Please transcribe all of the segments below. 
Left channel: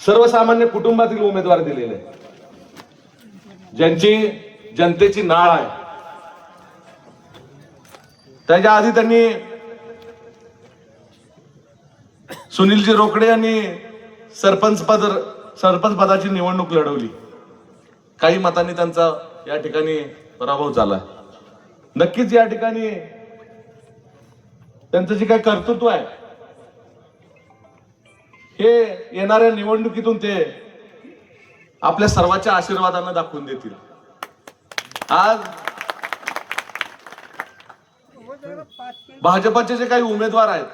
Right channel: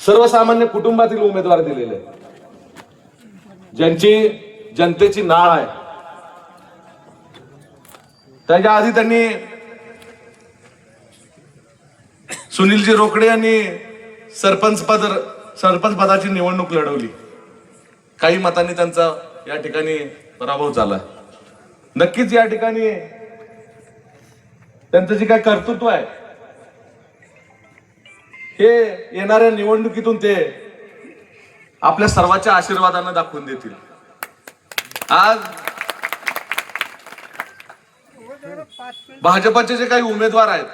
सर्वसामान्य कुटुंबातील उमेदवार दिलेले, ज्यांची जनतेची नाळ आहे. त्याच्या आधी त्यांनी सुनीलजी रोकडे यांनी सरपंच पदाची निवडणूक लढवली. काही मतांनी त्यांचा या ठिकाणी पराभव झाला. नक्कीच या ठिकाणी त्यांचं जे काय कर्तृत्व आहे हे येणाऱ्या निवडणुकीतून ते आपल्या सर्वांच्या आशीर्वादाने दाखवून देतील. आज भाजपाचे जे काही उमेदवार आहेत,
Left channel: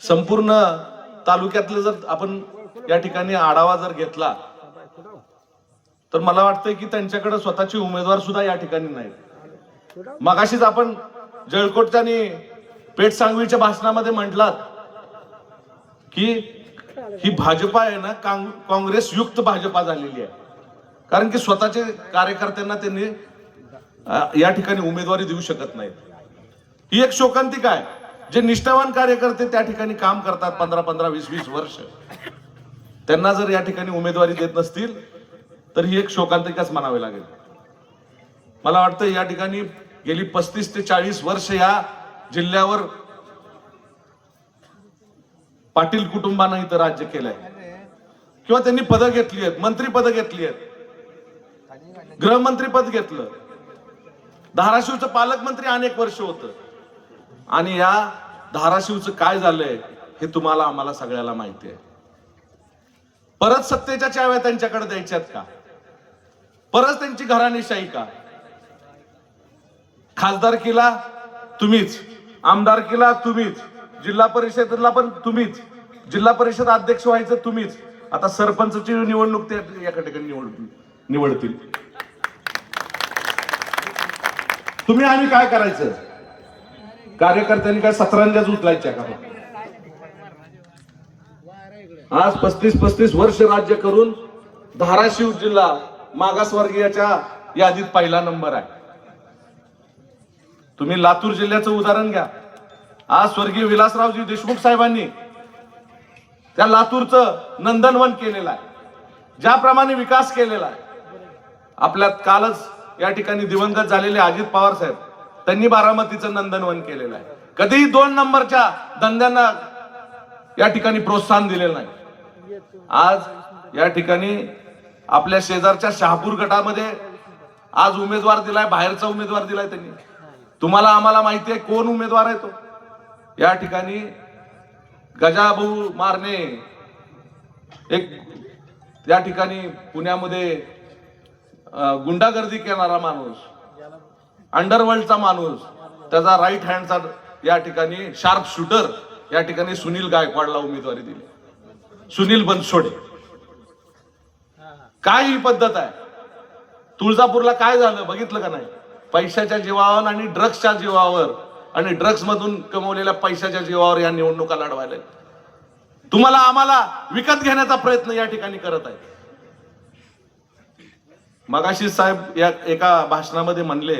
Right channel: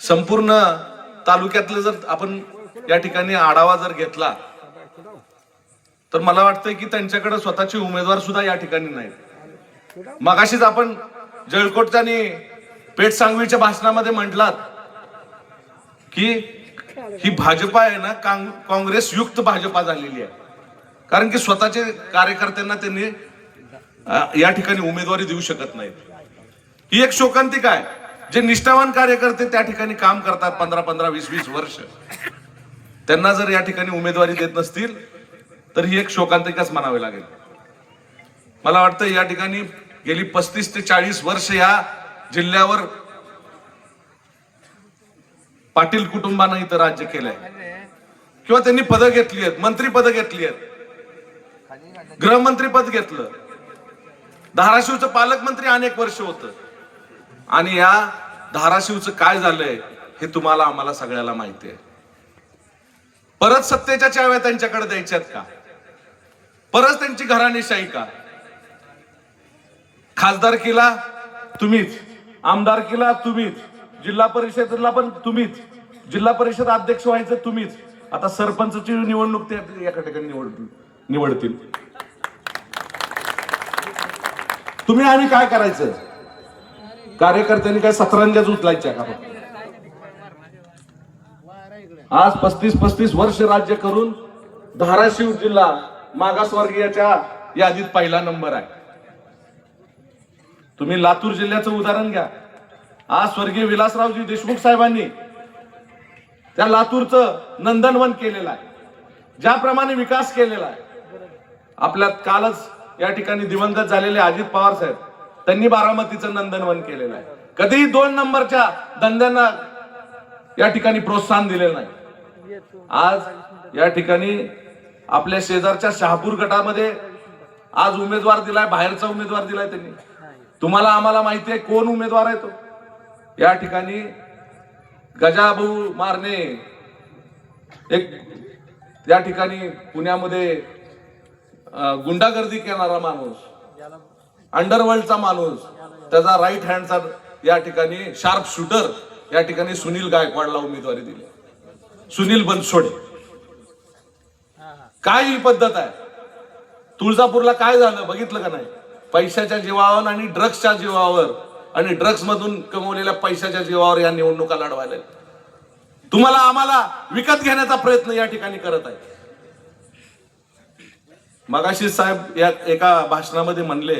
संपूर्ण तालुक्यातले जर आपण या ठिकाणी आढावा जर घेतला तर मला वाटतं की त्यांच्याकडे स्वतःचे उमेदवार सुद्धा या ठिकाणी नाहीत. मगाशीच आपण जळकोटच्या आणि पेठ सांगवीच्या भाषणामध्ये म्हटलात की ही भाजपा आहे ना, काँग्रेस युक्त भाजपा झालेली आहे. कारण की स्वतःचे कार्यकर्त्यांना त्यांनी या ठिकाणी उमेदवारी देऊ शकत नाहीत. ही एक शोकांतिका आहे. जे निष्ठावान कार्यकर्ते त्या ठिकाणी काम करतात 15-15, 20-20 वर्ष, त्यांना जर या ठिकाणी उमेदवारी देत नसतील तर ही एक शोकांतिकाच म्हणावी लागेल. मला वाटतं या ठिकाणी गेली 35 ते 40 वर्ष या जिल्ह्यावर पाटील कुटुंबानं इथं राज्य केलंय किंवा त्यांनी पदं घेतली आहेत, मंत्रीपदं घेतली आहेत, गृहमंत्रीपद घेतलं, धाराशिवचं पालकमंत्री अनेक वर्ष होतं. आणि या धाराशिवचं काय झालंय हे तुम्हाला आम्हाला सगळ्याला माहिती आहे. परत सत्तेच्या चाव्या त्यांच्याकडे द्यायच्यात का? परत त्यांची घराणेशाही का? खासदारकीला तुम्हीच, आमदारकीला तुम्हीच, जिल्हा परिषदेला पण तुम्हीच, जिल्हा परिषद अध्यक्ष व्हायचं तुम्हीच. आता सरपंचची निवडणूक ते एका ठिकाणी निवडतील. तुम्ही आम्ही काय करायचं? कार्यकर्त्यांनी काय सतरंजाच उचलायच्या का? आज 35 वर्ष राज्य करून धाराशिव जिल्हा मागासवर्गीयाच्या यादीत पहिला नंबर आहे. तुम्ही लातूर जिल्ह्याचं उदाहरण घ्या. आज स्वर्गीय विलासरावजी देशमुख साहेबांनी त्या लातूरचं नंदनवन केलेलं आहे. ज्याप्रमाणे विकास केलेला आहे. आपल्यात कालच या ठिकाणी दिवंगत झालेले अजित पवार साहेब, त्यांनी बारामतीचं नंदनवन केलेलं आहे. कधीही 2 नंबरच्या धंद्यांना या ठिकाणी प्रोत्साहन दिलेलं नाही. आज या ठिकाणी आपल्या शेजारच्या शहापूर गटामध्ये आज उमेदवार दिलाय, बाहेरचा उमेदवार दिलाय त्यांनी. तुम्हाला आम्हाला माहिती आहे कोण उमेदवार आहे तो. या ठिकाणी गजाभाऊ मारणे, एक या ठिकाणी पुण्यामध्ये गुंडागर्दी करणारा माणूस, अंडरवर्ल्डचा माणूस, त्याचा राईट हँडचा या ठिकाणी शार्प शूटर, या ठिकाणी सुनील गायकवाडला उमेदवारी दिली. सुनील बनसोडे. काय ही पद्धत आहे? तुळजापूरला काय झालं बघितलं का नाही? पैशाच्या जीवावर आणि ड्रग्सच्या जीवावर आणि ड्रग्स मधून कमवलेल्या पैशाच्या जीवावर या निवडणुका लढवायला तुम्हाला आम्हाला विकत घेण्याचा प्रयत्न या ठिकाणी करत आहे. मगाशी साहेब या एका भाषणामध्ये म्हणले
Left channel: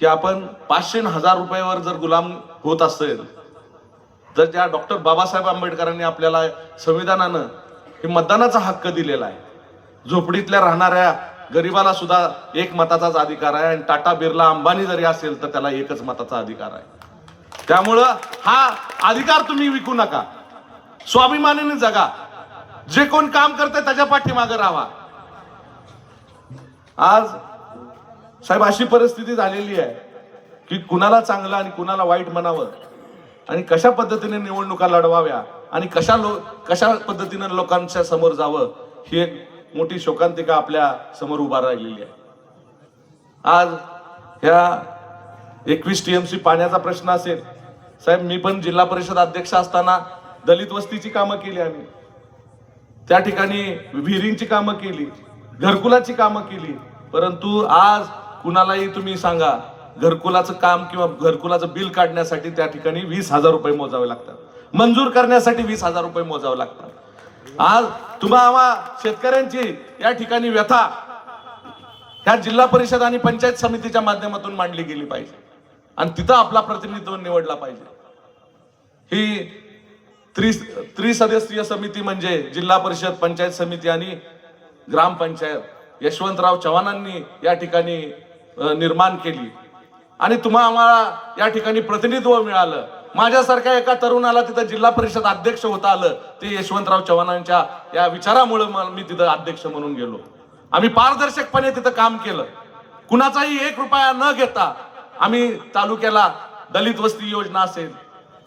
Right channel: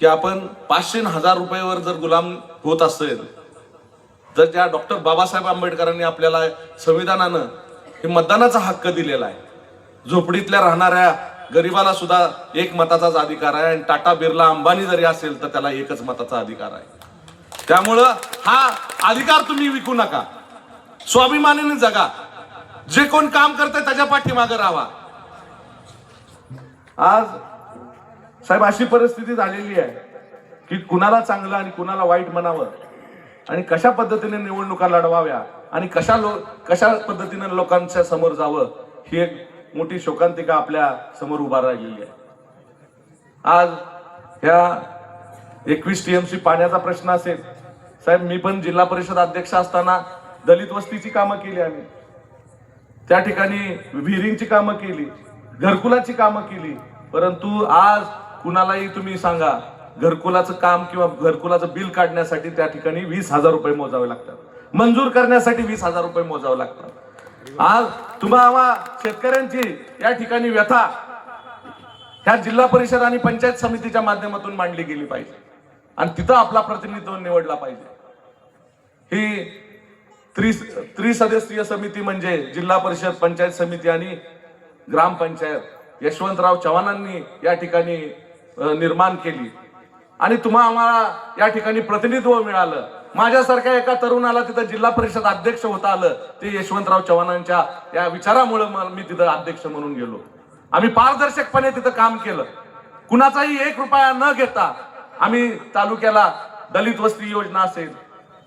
की आपण 500-1000 रुपयावर जर गुलाम होत असेल, जर त्या डॉक्टर बाबासाहेब आंबेडकरांनी आपल्याला संविधानानं हे मतदानाचा हक्क दिलेला आहे, झोपडीतल्या राहणाऱ्या गरीबाला सुद्धा 1 मताचाच अधिकार आहे, आणि टाटा बिर्ला अंबानी जरी असेल तर त्याला 1च मताचा अधिकार आहे. त्यामुळं हा अधिकार तुम्ही विकू नका. स्वाभिमानाने जगा. जे कोण काम करते त्याच्या पाठीमागे राहा. आज साहेब अशी परिस्थिती झालेली आहे की कुणाला चांगलं आणि कुणाला वाईट म्हणावं, आणि कशा पद्धतीने निवडणुका लढवाव्या आणि कशा पद्धतीने लोकांच्या समोर जावं, ही एक मोठी शोकांतिका आपल्या समोर उभा राहिलेली आहे. आज ह्या 21 TMC पाण्याचा प्रश्न असेल साहेब, मी पण जिल्हा परिषद अध्यक्ष असताना दलित वस्तीची कामं केली, आम्ही त्या ठिकाणी विहिरींची कामं केली, घरकुलाची कामं केली. परंतु आज कुणालाही तुम्ही सांगा, घरकुलाचं काम किंवा घरकुलाचं बिल काढण्यासाठी त्या ठिकाणी 20,000 रुपये मोजावे लागतात, मंजूर करण्यासाठी 20,000 रुपये मोजावे लागतात. आज तुम्हाला शेतकऱ्यांची या ठिकाणी व्यथा ह्या जिल्हा परिषद आणि पंचायत समितीच्या माध्यमातून मांडली गेली पाहिजे. आणि तिथं आपला प्रतिनिधित्व निवडला पाहिजे. ही त्रिसदस्यीय समिती म्हणजे जिल्हा परिषद, पंचायत समिती आणि ग्रामपंचायत यशवंतराव चव्हाणांनी या ठिकाणी निर्माण केली आणि आम्हाला या ठिकाणी प्रतिनिधित्व मिळालं. माझ्यासारख्या एका तरुणाला तिथं जिल्हा परिषद अध्यक्ष होता आलं ते यशवंतराव चव्हाणांच्या या विचारामुळे मी तिथं अध्यक्ष म्हणून गेलो. आम्ही पारदर्शकपणे तिथं काम केलं. कुणाचाही 1 रुपया न घेता आम्ही तालुक्याला दलित वस्ती योजना असेल,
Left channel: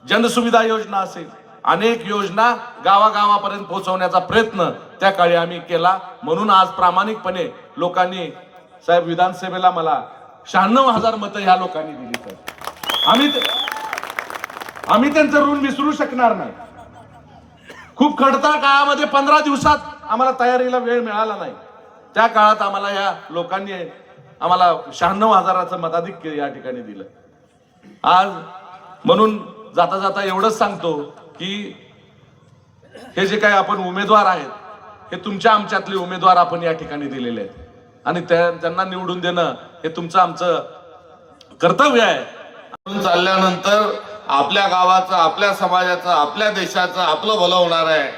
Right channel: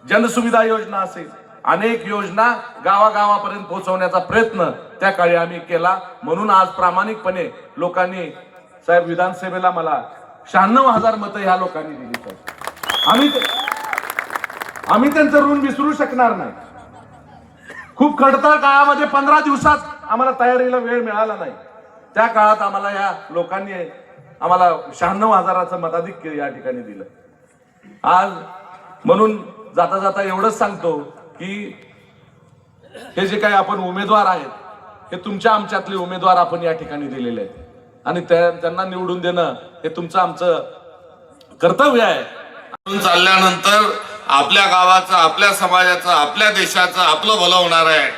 जनसुविधा योजना असेल, अनेक योजना गावागावापर्यंत पोहोचवण्याचा प्रयत्न त्या काळी आम्ही केला. म्हणून आज प्रामाणिकपणे लोकांनी साहेब विधानसभेला मला 96,000 मतं ह्या लोकांनी दिली. आम्ही त्यांचं ऋण विसरू शकणार नाही. खूप खडतर काळामध्ये 15 दिवसात आम्हाला तयारीला वेळ मिळाला नाही. त्या काळात आम्हाला या लोकांनी आम्हाला 96,000चं मताधिक्य या ठिकाणी दिलं. आज म्हणून जाता जाता एवढंच सांगतो की हे जे काही आपण उमेदवार आहेत हे तुमच्या आमच्यातले उमेदवार आपण या ठिकाणी दिलेले आहेत आणि त्यांना निवडून देणं हे तुमचं आमचं कर्तव्य आहे. चालल्यानंतर आपल्या गावाचं, आपल्या समाजाचं, आपल्या देशाचं आपलं भलं होणार आहे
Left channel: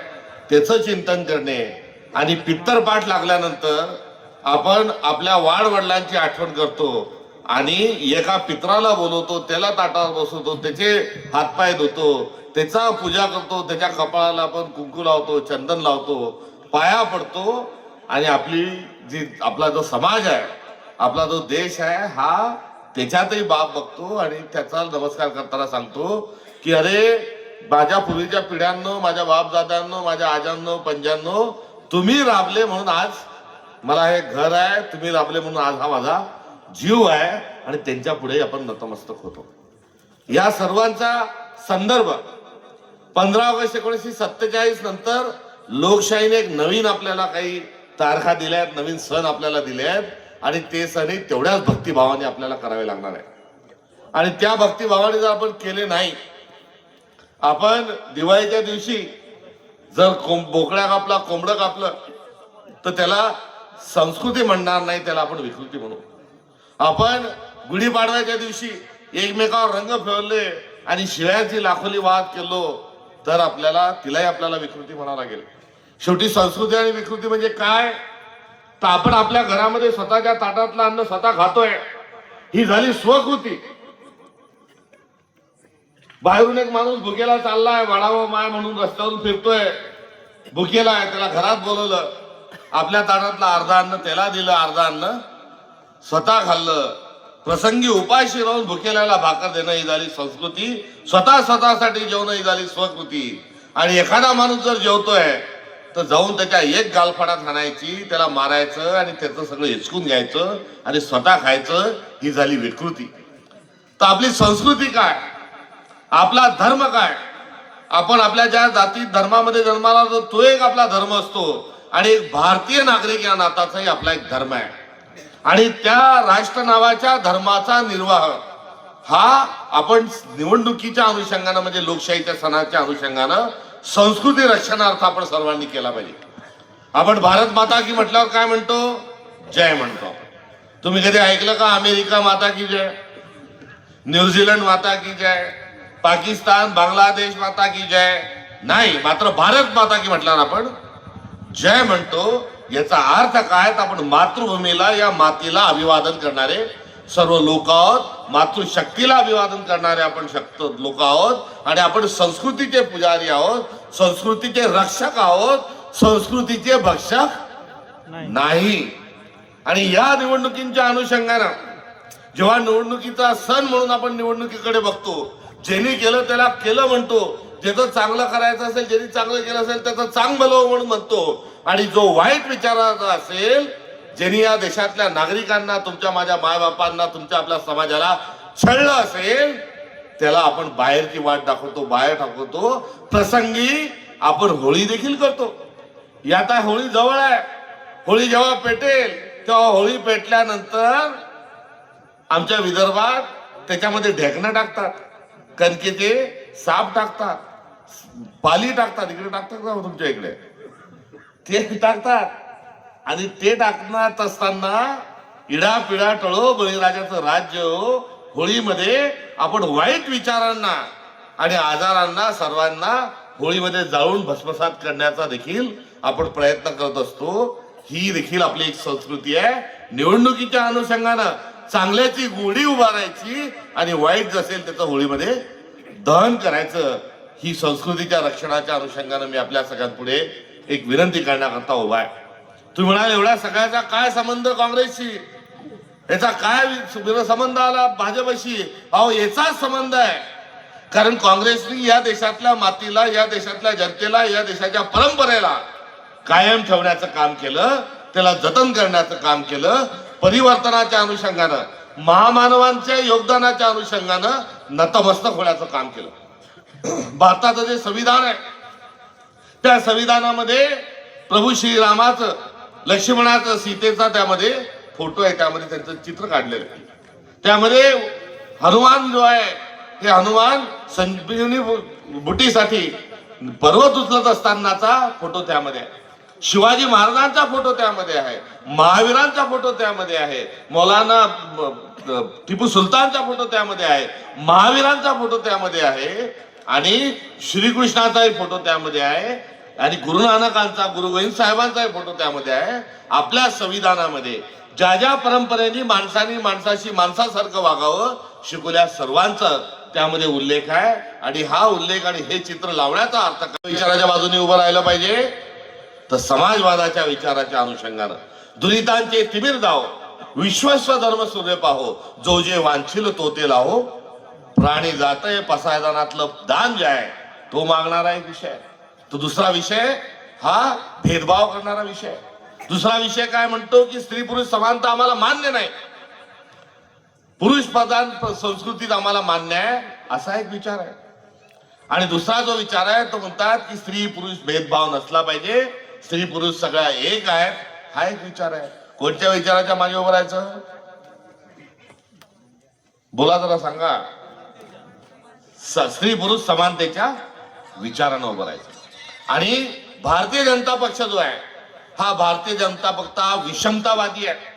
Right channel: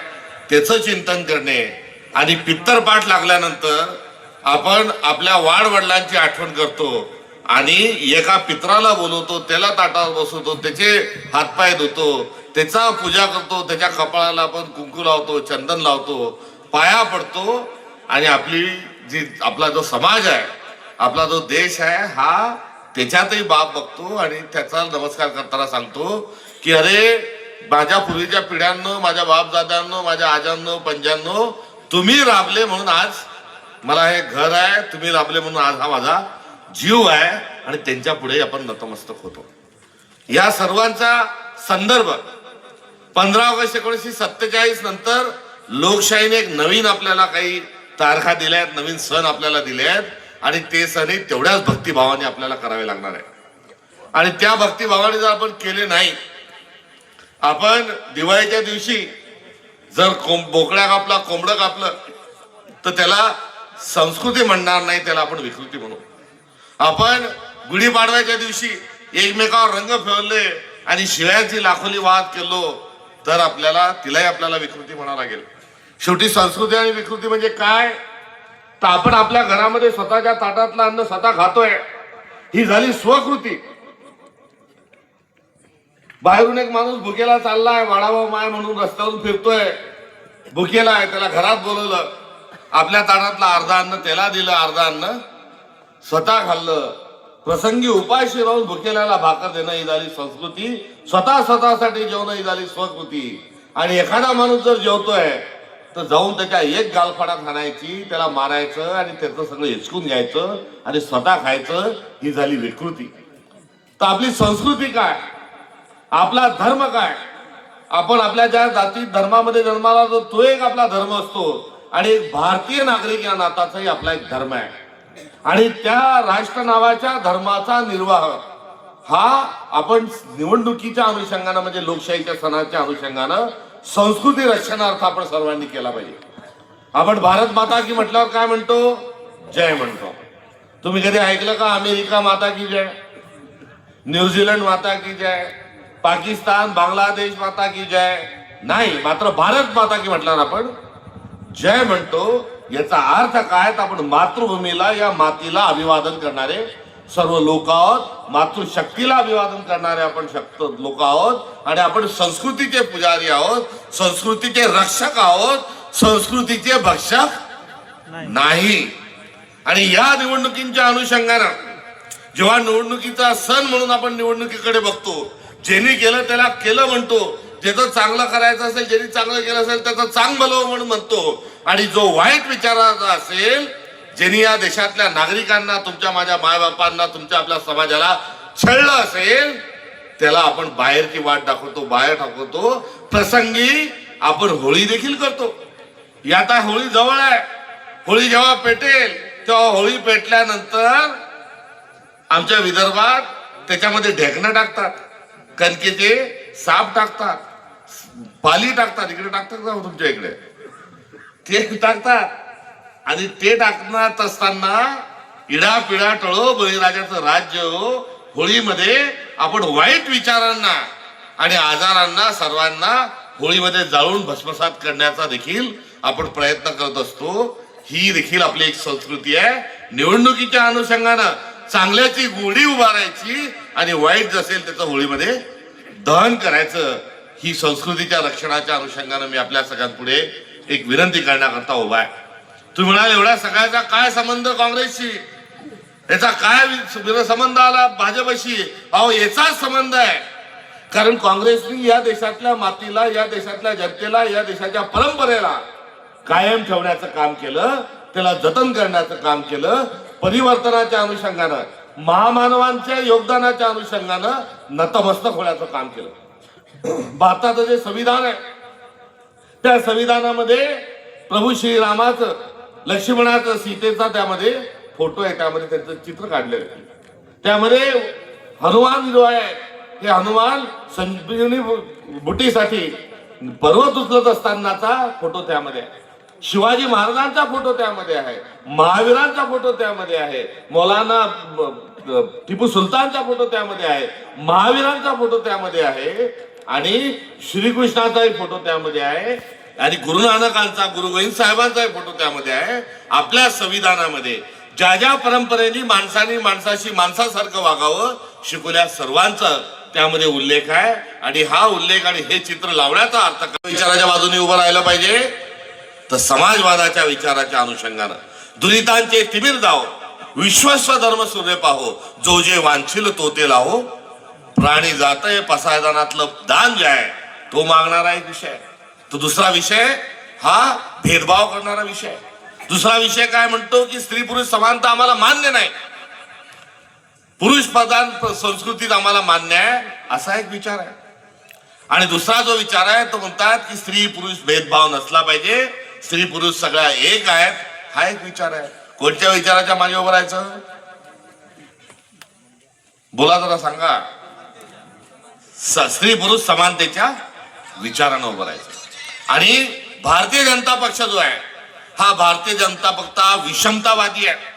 त्याचं चिंतन करणे आणि पित्तरपाठ लागल्यानंतर आपण आपल्या वाडवडिलांची आठवण करतो आणि एका पित्राला बोलवतो, त्याला ताटावर बसवतो, त्याचे हातपाय धुतो, त्याचा पूजा करतो, त्याच्या कपाळाला आपण कुंकू लावतो, चंदन लावतो, पाया पडतो आणि आपला जो समाज आहे, आपला जो देश आहे हा त्याच्यातही बाप बघतो आणि त्याचा नमस्कार करताना सांगतो की अरे माझ्या पूर्वीच्या पिढ्यांनो, माझ्या बापदादांनो, माझ्या आजांनो, पंजांनो, तुम्ही राबले म्हणून आज मला हे घर आहे, तुम्ही राबले म्हणून आज हा माझा जीव आहे आणि त्यांच्या पुढे आपण नतमस्तक होतो. या सर्वांचा संदर्भ 15 ऑगस्ट 1947 नंतर लोकशाहीने एक नवीन आपल्याला काही तारखा दिल्या आहेत, नवीन सण आपल्याला दिले आहेत आणि ते सण तेवढ्याच भक्तिभावाने आपल्याला करावे लागणार आहे. आणि त्या भक्तिभावाने जर आपण केले नाही, आपण दिवाळीच्या दिवशी जर बोकड्या कापला, कोंबडं कापलं तर त्याला संस्कृती म्हणणार नाही, त्याला आपण विकृती म्हणू. आपण गुढीपाडव्याच्या दिवशी एकमेकावर रंग फेरले आणि शिळ्याची लाखोली वाद केलो तर तिलाही आपल्याला विकृती म्हणावं लागेल. शेवटी संस्कृती आणि विकृती म्हणजे काय, तर आपण आपल्या घरामध्ये स्वतःच्या ताटातलं अन्न स्वतः खातोय, ही झाली स्वकृती. बाहेरून एक माणूस भुकेला चाललाय, वडावं माय म्हणून रस्त्यावरून फिरतोय, भुकेला आहे, त्याला घरात बोलवलं, आपल्या ताटातलं अर्धा अन्न त्याला दिलं, अर्धा अन्न स्वतः खाल्लं. प्रसंगी उपाशी राहून भुकेल्याला भाकर देणं ही झाली संस्कृती, स्वतःसाठी जेवण ही झाली स्वकृती. आणि एखादा माणूस जर जेवतोय तर जाऊन त्याच्या एक गालफाडात हाणायची, त्याला मारायचं आणि त्याचं सगळं हिचकून घ्यायचं आणि स्वतः खायचं, ही झाली विकृती. तर आपली संस्कृती काय, आपला धर्म काय, आपण आपल्या ज्या जाती धर्मामध्ये जन्माला जो तो एक आपला धर्म असतो आणि एक भारतीय नागरिक या नाताचाही आपला एक धर्म आहे. आणि त्या राष्ट्र नावाच्या धर्माचा निर्वाह हा आपण निवडणुकीच्या अनुषंगानं म्हणजे लोकशाहीच्या सणाच्या अनुषंगानं संस्कृती रक्षणार्थ आपण सर्वांनी केला पाहिजे. आपण भारत माता की म्हटल्यावर काय म्हणतो, जय म्हणतो. तुम्ही कधी ऐकलं का अमेरिका माता की जय, न्यूझीलंड माता की जय, पाकिस्तान बांगलादेश माता की जय? नाही. मात्र भारत माता की म्हटल्यावर आपण जय म्हणतो. याचा अर्थ काय, तर आपण मातृभूमीला, या मातीला अभिवादन करणारे सर्व लोक आहोत, मातृशक्तीला अभिवादन करणारे आपण लोक आहोत आणि आपण संस्कृतीचे पुजारी आहोत, संस्कृतीचे रक्षक आहोत, संस्कृतीचे भक्षक नाही. आणि या निवडणुकींच्या अनुषंगानं जेव्हा निवडणुकीचा सण म्हणून आपण निवडणुकीकडे बघतो, ज्यांनी केलं त्याला केलं म्हणतो, ज्याचं चांगलं करायचं असेल, ज्यांनी चांगलं केलं असेल त्याचं चांग भलं म्हणून म्हणतो, आणि जो वाईट विचाराचा असेल, ज्यांनी या देशातल्या नागरिकांना, तुमच्या माझ्या मायबापांना, तुमच्या आपल्या समाजाला छळलं असेल त्याला आपण बाहेरची वाट दाखवतो, बाहेर टाकवतो. प्रसंगी आपण होळी देखील करतो. आता होळी जवळ आहे, होळी जेव्हा पेटेल तेव्हा होळी पेटल्यानंतर आमच्या विदर्भात त्याच्यामध्ये ढेकणं टाकतात, कणकेचे साप टाकतात, पाली टाकतात. इकडे टाकतात का तुमच्या इकडे? ते टाकतात. आणि ते टाकण्यात असताना इडा पिडा टळो बळीराजाचं राज्य हो, होळीमध्ये आपण वाईट विचारांना आणि आजारांना सर्वांना होळीमध्ये जाळून भस्मसात करण्याचा देखील आपण प्रयत्न करत असतो. ही देखील आपली एक संस्कृती आहे. निवडणुकीच्या अनुषंगानं चांगल्याची गोडी उभारायची आणि वाईट जसेल त्याचं होळीमध्ये दहन करायचं. ही संस्कृतीच्या रक्षणाच्या अनुषंगानं मी आपल्या सगळ्यांपुढे एक विनंती करण्याकरता उभा आहे. तुम्ही म्हणाल एवढ्या सगळ्याचा काय संबंध काँग्रेसशी, याचा काय संबंध आला भाजपशी? अहो याचाच संबंध आहे. कारण काँग्रेसने या देशातल्या मातीला, या देशातल्या जनतेला, या देशाच्या परंपरेला कायम ठेवण्याचं काम केलं, त्याला जतन करण्याचं काम केलं. परिवर्तनाच्या अनुषंगानं, महामानवांच्या योगदानाच्या अनुषंगानं नतमस्तक होण्याचं काम केलं. भारताचं जे संविधान आहे त्या संविधानामध्ये प्रभू श्रीरामाचं, लक्ष्मणाचं, सीतेचा त्यामध्ये फोटो आहे, त्यामध्ये त्यांचं चित्र काढलेलं आहे. त्यामध्ये हनुमान जो आहे हे हनुमान संजीवनी बुटीसाठी पर्वत उचलत असतानाचा फोटो त्यामध्ये आहे. शिवाजी महाराजांचा फोटो त्यामध्ये आहे, महावीरांचा फोटो त्यामध्ये आहे, मौलाना टिपू सुलतानचा फोटो त्यामध्ये आहे, महावीरांचा फोटो त्यामध्ये आहे आणि श्रीकृष्णाचाही फोटो त्यामध्ये आहे आणि गुरु नानकांचा, गुरु गोविंद साहेबांचाही फोटो त्यामध्ये आहे. आपल्या संविधानामध्ये ज्या ज्या परंपरेने माणसाने माणसाशी माणसासारखं वागावं शिकवल्या सर्वांचा त्यामध्ये उल्लेख आहे. आणि हा उल्लेख आणि हे चित्र लावण्याचा अर्थ विचाराच्या बाजूने उभं राहिलं पाहिजे, तर समाजवादाच्या विचाराच्या अनुषंगानं दुरितांचे तिमिर दाव, विश्वस्व धर्म सूर्य पाहो, जो जे वांछिल तो ते लाहो, प्राणी जातय पसायदानातलं दान जे आहे तो मागणारा एक विषय आहे. तो दुसरा विषय हा भेदभाव करणारा विषय आहे. दुसरा विषय काय म्हणतो की स्त्री पुरुष समानता आम्हाला मान्य नाही, पुरुष प्रधान संस्कृतीत आम्हाला मान्य आहे, असा एक विचार आहे. आणि दुसरा जो विचार आहे तो म्हणतात की स्त्री पुरुष भेदभाव नसला पाहिजे, स्त्री पुरुष सगळ्या एक आहेत, हा एक विचार आहे. कोणत्या विचाराच्या मागे उभं राहायचं? बोला जरा सांगा. स्त्री पुरुष समानतेच्या विचारानं उभं राहायचं. आणि भारतीय जनता पक्ष जो आहे हा भारतीय जनता पक्ष हा विषमतावादी आहे.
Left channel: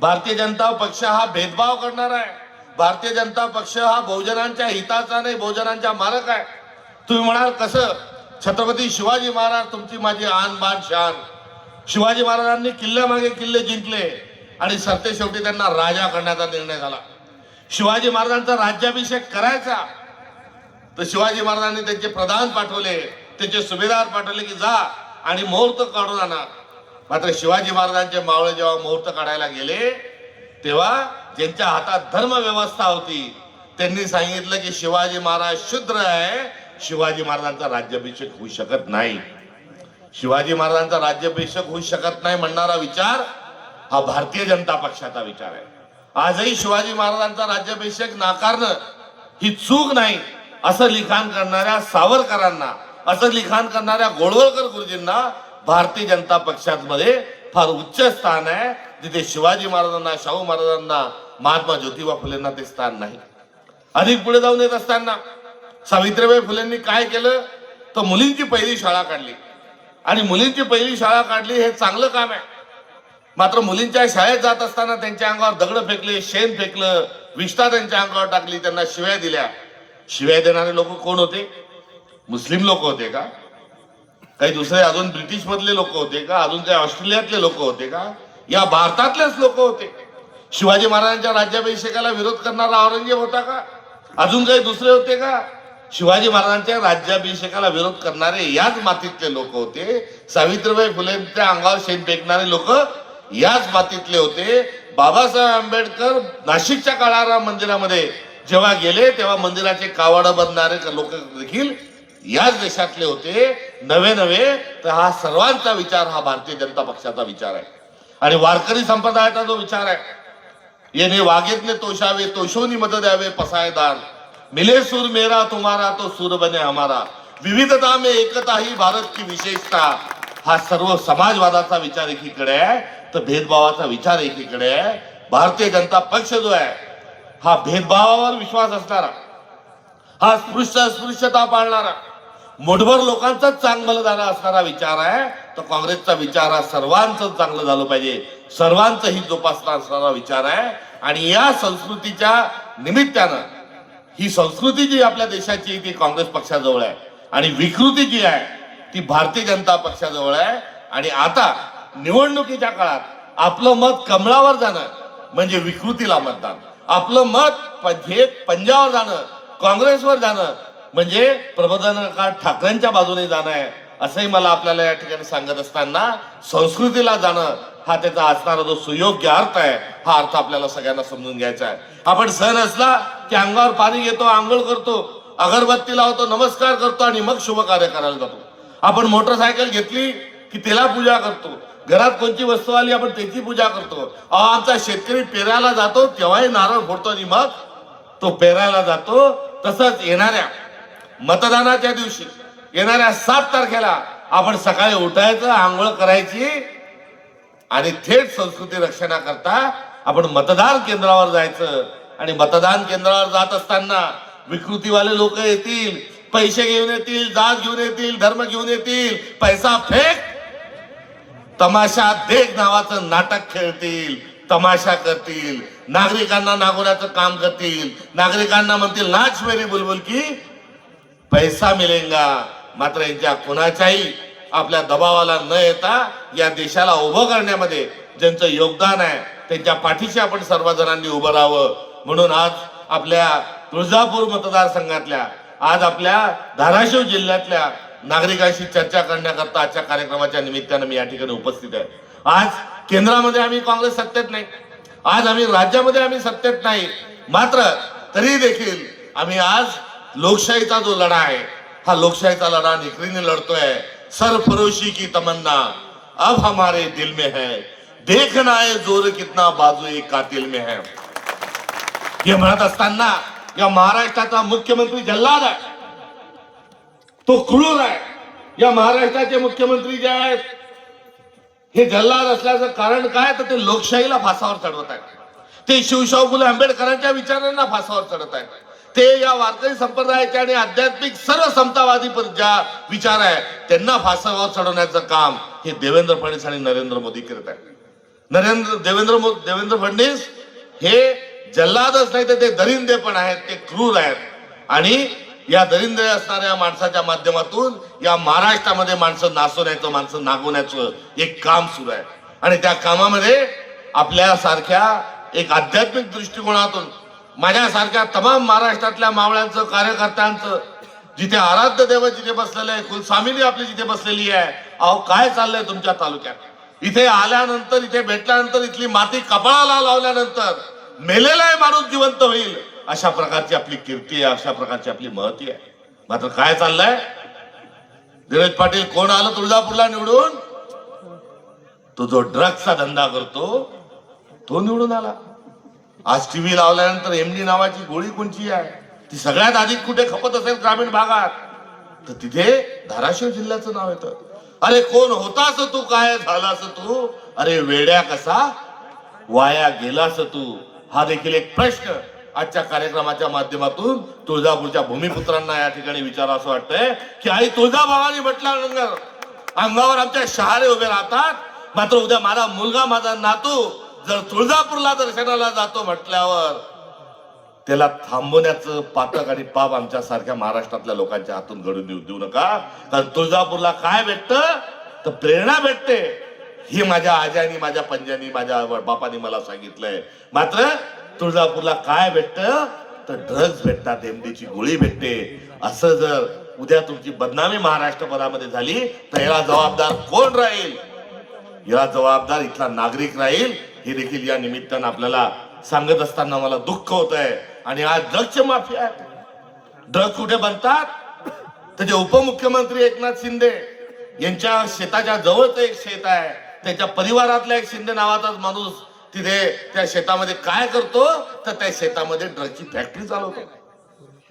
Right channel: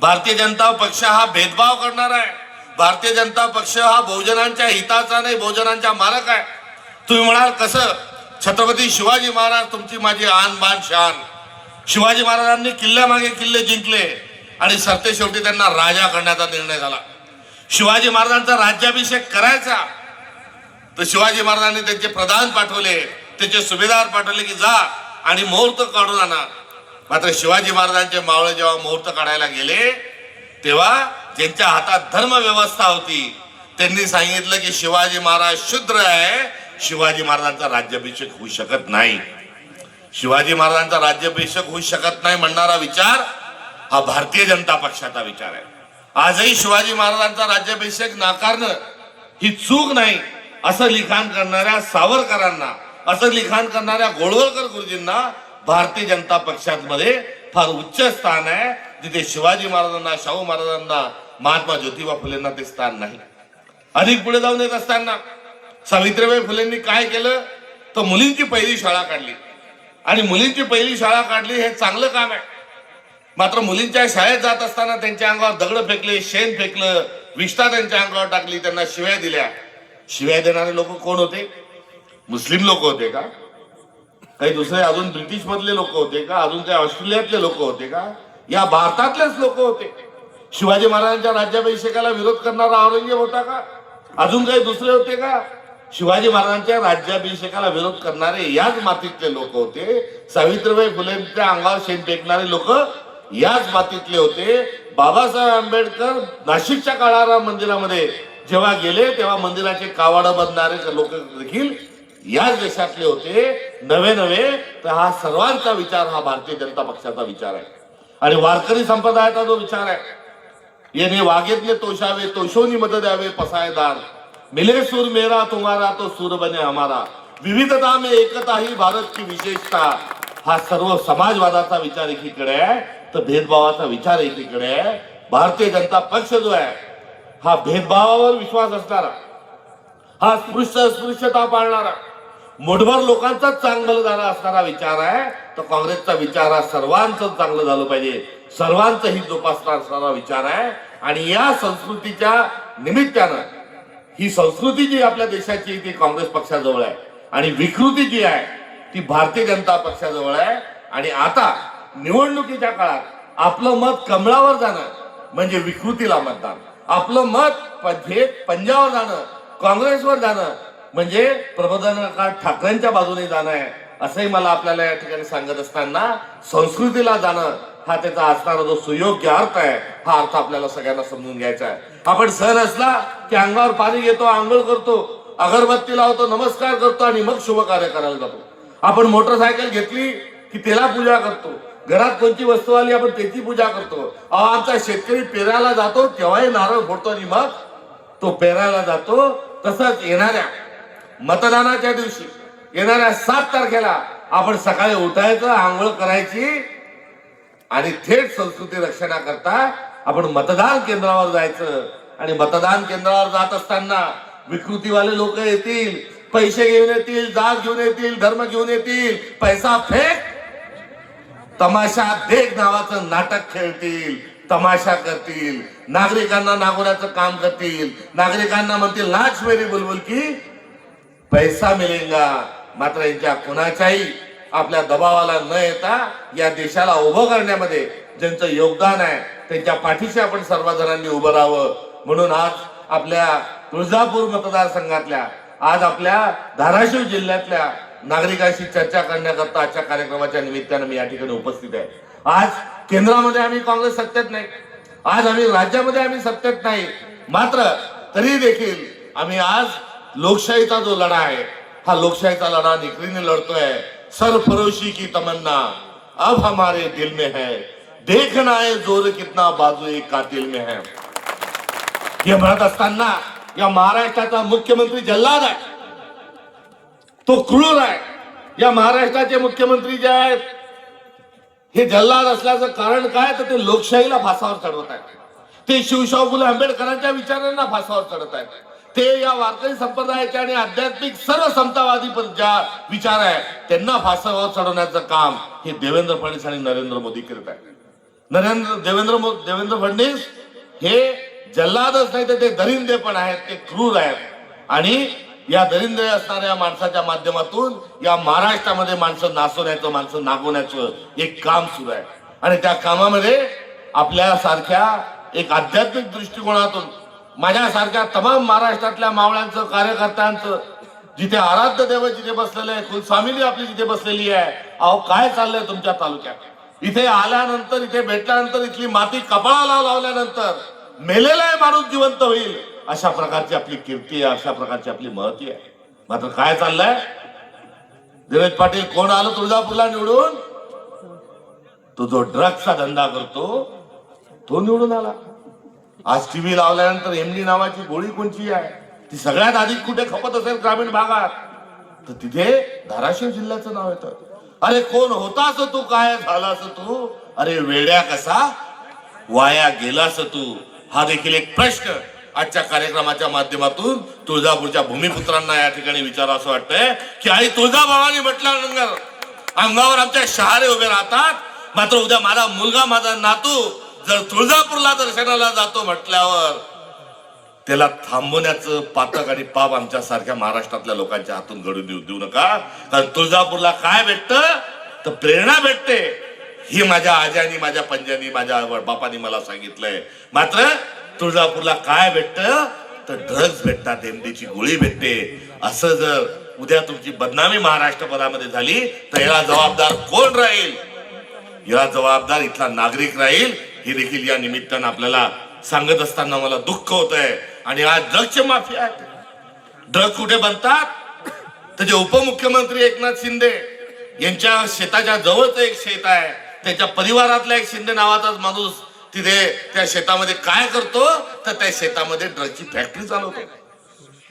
भारतीय जनता पक्ष हा भेदभाव करणारा आहे. भारतीय जनता पक्ष हा बहुजनांच्या हिताचा नाही, बहुजनांच्या मालक आहे. तुम्ही म्हणाल कसं? छत्रपती शिवाजी महाराज तुमची माझी आन बान शान. शिवाजी महाराजांनी किल्ल्यामागे किल्ले जिंकले आणि सरते शेवटी त्यांना राजा करण्याचा निर्णय झाला. शिवाजी महाराजांचा राज्याभिषेक करायचा तर शिवाजी महाराजांनी त्यांचे प्रधान पाठवले, त्याचे सुभेदार पाठवले की जा आणि मुहूर्त काढून आणा. मात्र शिवाजी महाराजांचे मावळे जेव्हा मुहूर्त काढायला गेले तेव्हा ज्यांच्या हातात धर्म व्यवस्था होती त्यांनी सांगितलं की शिवाजी महाराज शूद्र आहे, शिवाजी महाराजांचा राज्याभिषेक होऊ शकत नाही. शिवाजी महाराजांचा राज्याभिषेक होऊ शकत नाही म्हणणारा विचार हा भारतीय जनता पक्षाचा विचार आहे. आजही शिवाजी महाराजांचा राज्याभिषेक नाकारणं ही चूक नाही असं लिखाण करणाऱ्या सावरकरांना, असं लिखाण करणाऱ्या गोळवलकर गुरुजींना भारतीय जनता पक्षामध्ये फार उच्च स्थान आहे, जिथे शिवाजी महाराजांना, शाहू महाराजांना, महात्मा ज्योतिबा फुलेंना ते स्थान नाही. अधिक पुढे जाऊन येत असताना सावित्रीबाई फुलेंनी काय केलं तर मुलींची पहिली शाळा काढली. आणि मुलींची पहिली शाळा काढली हे चांगलं काम आहे. मात्र मुलींच्या शाळेत जात असताना त्यांच्या अंगावर दगड फेकले, शेण फेकलं, विष्ठा त्यांच्या अंगावर टाकली, त्यांना शिव्या दिल्या. शिव्या देणारे लोक कोण होते? मुस्लिम लोक होते का? काही दुसरे अजून ब्रिटिश मधले लोक होते का? अजून काही ऑस्ट्रेलियातले लोक होते का? या भारतातलेच लोक होते. शिवाजी महाराजांच्या राज्याभिषेकाला विरोध करणारा औरंगजेब होता का? अजून काही दुसरे होते का? शिवाजी महाराजांच्या राज्याभिषेकाला विरोध करणारे याच मातीतले लोक होते. सावित्रीबाई फुलेंच्या अंगावर शेण फेकणारे लोक याच मातीतले होते. बाबासाहेब आंबेडकर नाशिकच्या काळाराम मंदिरामध्ये जेव्हा गेले तेव्हा मंदिराचे कावड बांधणारे लोक देखील याच देशातले होते. नवे तर हा सर्वांचा विचार हा भारतीय जनता पक्षाचा विचार आहे. आणि वारकरी संप्रदायाचा जो विचार आहे, येणे वागेतले तोषावे, तोषोनी मत द्यावे पसायदान, मिले सूर मेरा तुम्हारा तो सूर बने हमारा, विविधता में एकता ही भारत की विशेषता. हा सर्व समाजवादाचा विचार एकीकडे आहे तर भेदभावाचा विचार एकीकडे आहे. भारतीय जनता पक्ष जो आहे हा भेदभावावर विश्वास असणारा, हा अस्पृश्यता पाळणारा, मोठभर लोकांचाच चांगलं झाला असणारा विचार आहे. तर काँग्रेसचा विचार हा सर्वांचं चांगलं झालं पाहिजे, सर्वांचं हित जोपासणारा असणारा विचार आहे. आणि या संस्कृतीच्या निमित्तानं ही संस्कृती जी आपल्या देशाची ती काँग्रेस पक्षाजवळ आहे आणि विकृती जी आहे ती भारतीय जनता पक्षाजवळ आहे. आणि आता निवडणुकीच्या काळात आपलं मत कमळावर जाणं म्हणजे विकृतीला मतदान, आपलं मत पंजावर जाणं, काँग्रेसवर जाणं म्हणजे प्रबोधनकार ठाकरेंच्या बाजूने जाणं आहे. असंही मला आपल्याला या ठिकाणी सांगत असताना संस्कृतीला जाणं हा त्याचा असणारा जो सुयोग्य अर्थ आहे, हा अर्थ आपल्याला सगळ्यांना समजून घ्यायचा आहे. आपण सण असला की अंगावर पाणी घेतो, आंघोळ करतो, अगरबत्ती लावतो, नमस्कार करतो आणि मग शुभ कार्य करायला जातो. आपण मोटरसायकल घेतली की त्याला पूजा करतो, घरात कोणती वस्तू आली आपण त्याची पूजा करतो. आमचा शेतकरी पेरायला जातो तेव्हाही नारळ फोडतो आणि मग तो पेरायला जातो. तसंच येणाऱ्या मतदानाच्या दिवशी येणाऱ्या 7 तारखेला आपण सकाळी उठायचं, आंघोळ करायची आणि थेट संस्कृती रक्षणाकरता आपण मतदान केंद्रावर जायचं. आणि मतदान केंद्रावर जात असताना विकृतीवाले लोक येतील, पैसे घेऊन येतील, जात घेऊन येतील, धर्म घेऊन येतील, पैसा फेक, तमाशा देख नावाचं नाटक खेळतील, तमाशा करतील, नागरिकांना नागवण्याचं काम करतील, नागरिकांना म्हणतील नाच मेरी बुलबुल की पैसा मिळेगा. मात्र यांच्या कोणाच्याही आपल्या दबावाला न येता या देशाला उभं करण्यामध्ये ज्यांचं योगदान आहे त्यांच्या पाठीशी आपण सर्वजणांनी उभं राहावं. म्हणून आज आपल्या तुळजापूर मतदारसंघातल्या, आज आपल्या धाराशिव जिल्ह्यातल्या नागरिकांशी चर्चा करण्याकरता आजच्या कार्यक्रमाच्या निमित्तानं मी या ठिकाणी उपस्थित आहे. आज केंद्रामध्ये आम्ही काँग्रेस सत्तेत नाही, आज आम्ही राज्यामध्ये आम्ही सत्तेत नाही, मात्र तरी देखील आम्ही आज लोकशाहीचा जो लढा आहे हा लोकशाहीचा लढा निखरीने लढतोय. सरफरोशी की तमन्ना अब हमारे दिल में है, देखना है जोर कितना बाजू एक कातिल में है. हे म्हणत असताना या महाराष्ट्राचा मुख्यमंत्री जल्लाद आहे, तो क्रूर आहे. या महाराष्ट्राचे मुख्यमंत्री जे आहेत हे जल्लाद असल्याचं कारण काय, तर ते लोकशाहीला फासावर चढवत आहेत, ते शिवशाहू फुले आंबेडकरांच्या विचारांना फासावर चढवत आहेत, ते या वारकरी संप्रदायाचे आणि आध्यात्मिक सर्व समतावादी ज्या विचार आहे त्यांना फासावर चढवण्याचं काम हे देवेंद्र फडणवीस आणि नरेंद्र मोदी करत आहेत. देवेंद्र फडणवीस हे जल्लादच नाही तर ते दरिंदे पण आहेत, ते क्रूर आहेत. आणि या दरिंदे असणाऱ्या माणसाच्या माध्यमातून या महाराष्ट्रामध्ये माणसं नाचवण्याचं, माणसं नागवण्याचं एक काम सुरू आहे. आणि त्या कामामध्ये आपल्यासारख्या एक आध्यात्मिक दृष्टिकोनातून माझ्यासारख्या तमाम महाराष्ट्रातल्या मावळ्यांचं, कार्यकर्त्यांचं, जिथे आराध्य देव जिथे बसलेले आहे, कुलस्वामिनी आपली जिथे बसलेली आहे, अहो काय चाललंय तुमच्या तालुक्यात, इथे आल्यानंतर, इथे भेटल्यानंतर, इथली माती कपाळाला लावल्यानंतर मेलेला माणूस जिवंत होईल अशा प्रकारची आपली कीर्ती आहे, अशा प्रकारची आपली महती आहे. मात्र काय चाललंय, धीरज पाटील कोण आलं तुळजापूरला निवडून, तो जो ड्रग्सचा धंदा करतो तो निवडून आला. आज टीव्ही लावल्यानंतर एमडी नावाची गोळी कोणची आहे ती सगळ्यात आधी कुठे खपत असेल ग्रामीण भागात, तर तिथे धाराशिव जिल्ह्याचं नाव येतं. अरे कोण होतास तू, काय झालास तू, अरे वेड्या कसा वाया गेलास तू. हा देखील एक प्रश्न आजच्या कार्यक्रमाच्या माध्यमातून तुळजापूरच्या भूमिपुत्रांना या ठिकाणी विचारा असं वाटतंय की आई तुळजाभवानी म्हटल्यानंतर अंगावर आमच्या शहारे उभे राहतात, मात्र उद्या माझा मुलगा, माझा नातू जर तुळजापूरला दर्शनाला जातो म्हटल्यावर त्याला थांबवण्याचं पातक आणि पाप आमच्या सारख्या महाराष्ट्रातल्या लोकांच्या हातून घडून देऊ नका. कारण तुळजापूरला काय भेटतं तर प्रेरणा भेटते, ही माझ्या आज्यानी, माझ्या पंजानी, माझ्या बापानी मला सांगितलंय. मात्र तुळजापूरला काय भेटतं तर ड्रग्ज भेटतात, एमडीची गोळी भेटते. असं जर उद्या तुमची बदनामी महाराष्ट्रभरामध्ये झाली तर याला जबाबदार कोण राहील, याला जबाबदार इथला नागरिक राहील. हे देखील या निमित्तानं आपल्याला सांगत असताना मला दुःख होत आहे. आणि आज ड्रग्जचे माफिया आहेत. ड्रग कुठे बनतात तर जे उपमुख्यमंत्री एकनाथ शिंदे यांच्या शेताच्या जवळच एक शेत आहे, त्याच्या परिवारातला एक शिंदे नावाचाच माणूस तिथे त्या शेतामध्ये काय करतो तर त्या शेतामध्ये ड्रगची फॅक्टरी चालवतो.